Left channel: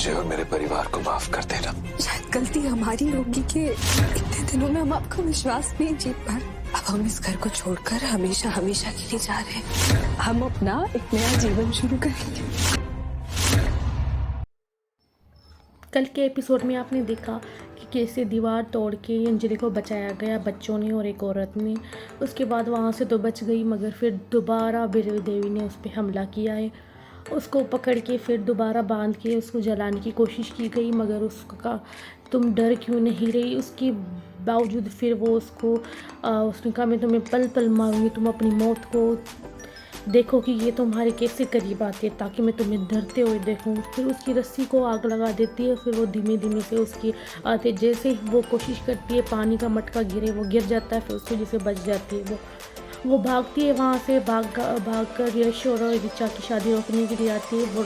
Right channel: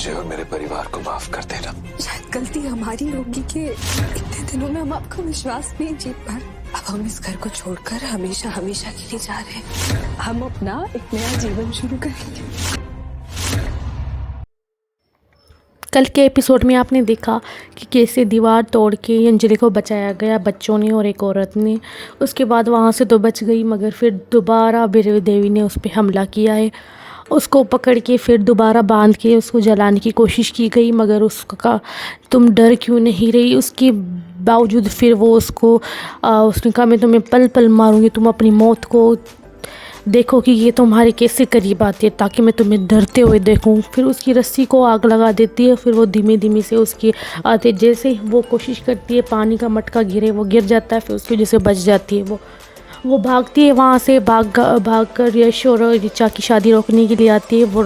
मुझे और मेरे परिवार को माफ कर देना। शायद गलती हमारी होगी कि इतने दिनों में हम आपका विश्वास नहीं जीत पाए। अब हम इस घर को छोड़कर हमेशा हमेशा के लिए जा रहे हैं। हम अपना एक नया जीवन शुरू करेंगे। कल के एपिसोड में आपने देखा कि कैसे दीवार तोड़ के अंजलि को बचाया गया, बच्चों ने और एक औरत ने। उसके बाद वहाँ से तो बच गई, मगर फिर दोबारा बीरवी देवी ने उस पर हमला किया है। उसको पकड़ के फिर दोबारा बांध के उसको जलाने की कोशिश की गई, मगर उसका तुम डर क्यों नहीं रही। उसके बावजूद फिर वो उसने कहा मैं तुम्हें पल पल मारूंगी, तुम अपनी मौत को देखो कि ये तुम्हारे कैसे करीब आती है, ताकि मैं तुम्हें डरते हुए देखूं। फिर उसकी रस्सी को आग लगा देती है। फिर वो धीमे धीमे से उसकी आते जैसे ही वो कोशिश करती है पानी का मटका गिरे, वो गिर जाता है। फिर उसकी वजह से बच जाती है। वो भागती है वहाँ से, भाग कर यश और ऋचा की शादी रोकने के लिए आती है। वो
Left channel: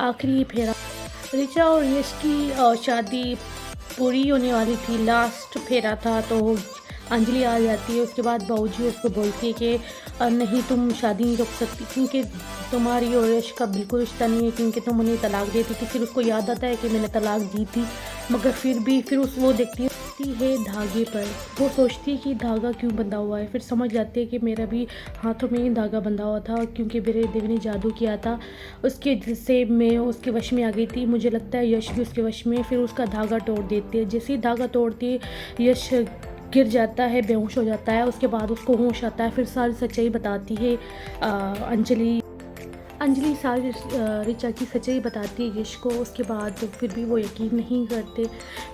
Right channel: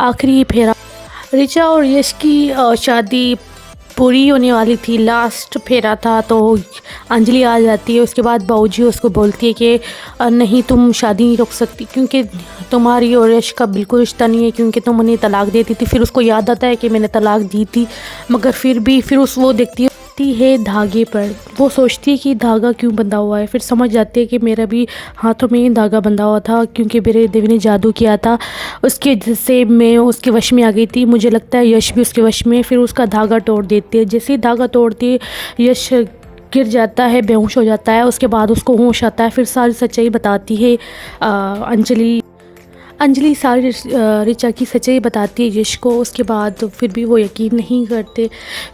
आखिरी फेरा, ऋचा और यश की शादी पूरी होने वाली थी, लास्ट फेरा था, तो अंजलि आ जाती है। उसके बाद बाऊजी उसको बोलती है कि नहीं, तुम शादी नहीं रोक सकती, क्योंकि तुम्हारी और यश का बिल्कुल रिश्ता नहीं है, क्योंकि तुम उन्हें तलाक देती थी। फिर उसको याद आता है कि मैंने तलाक दी थी, मगर फिर वो देखती है धागे पर। वो सोचती है कि धागा क्यों बंधा हुआ है। फिर समझ जाती है कि मेरा भी हाथों में ही धागा बंधा हुआ था, क्योंकि मेरे देवी ने जादू किया था, उसके जिससे मैं उसके वश में आ गई थी। मुझे लगता है यश भी उसके वश में। फिर उसका धागा तोड़ देती है। जैसे ही धागा तोड़ती है, यश गिर जाता है, बेहोश हो जाता है। उसके बाद उसको होश आता है। फिर सारी सच्चाई बताती है अंजलि सारी ऋचा की सच्चाई बताती है यश को। उसके बाद फिर भी वो यकीन नहीं करते।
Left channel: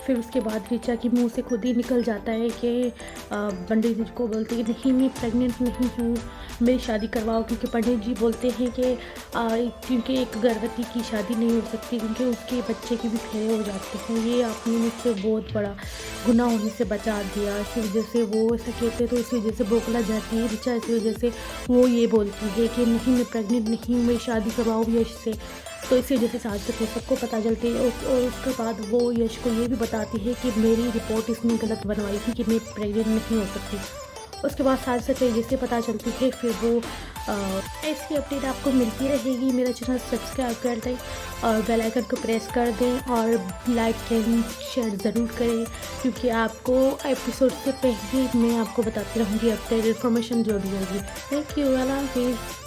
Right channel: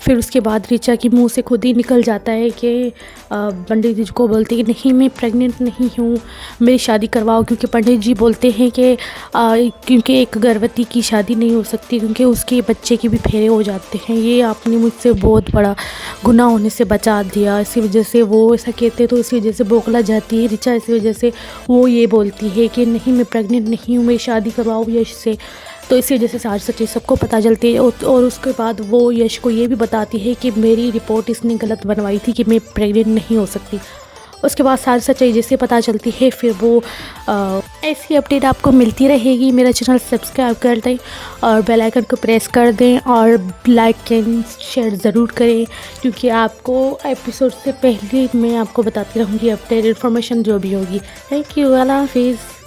फिर उसके बाद ऋचा की मुंह से खुद ही निकल जाता है कि पंडित जी को बोलते हैं कि नहीं, मैं प्रेग्नेंट नहीं हूँ, मेरी शादी करवाओ। क्योंकि पंडित जी बोलते हैं कि क्योंकि एक गर्भवती की शादी नहीं हो सकती, क्योंकि उसके बच्चे के भी फेरे हो जाते हैं। ये आपने मुझसे बहुत बड़ा गुनाह होने से बचा दिया। इसी वजह से वो ऐसा कहते, तो इसी वजह से बौखला जाती है ऋचा। इसी वजह से वो ये बोलती है कि नहीं, मैं प्रेग्नेंट नहीं हूँ, शादी करवाओ यश से। तो इसी वजह से सारी सच्चाई सबको पता चलती है। और उसके बाद वो यश को ये भी बताती है कि मेरी रिपोर्ट इसने गलत बनवाई थी, कि मैं प्रेग्नेंट नहीं हो सकती। उसके बाद सारी सच्चाई जैसे पता चलती है, फिर वो ऐसी अपडेट आपको मिलती रहेगी। मेरा चैनल सब्सक्राइब कर दें और बेल आइकन को प्रेस कर दें और लाइक एंड शेयर ज़रूर करें, क्योंकि आपको एपिसोड से पहले मैं आपको बताती रहूँगी अपडेट इन्फॉर्मेशन जो भी होगी। थैंक यू, अल्लाह हाफिज़।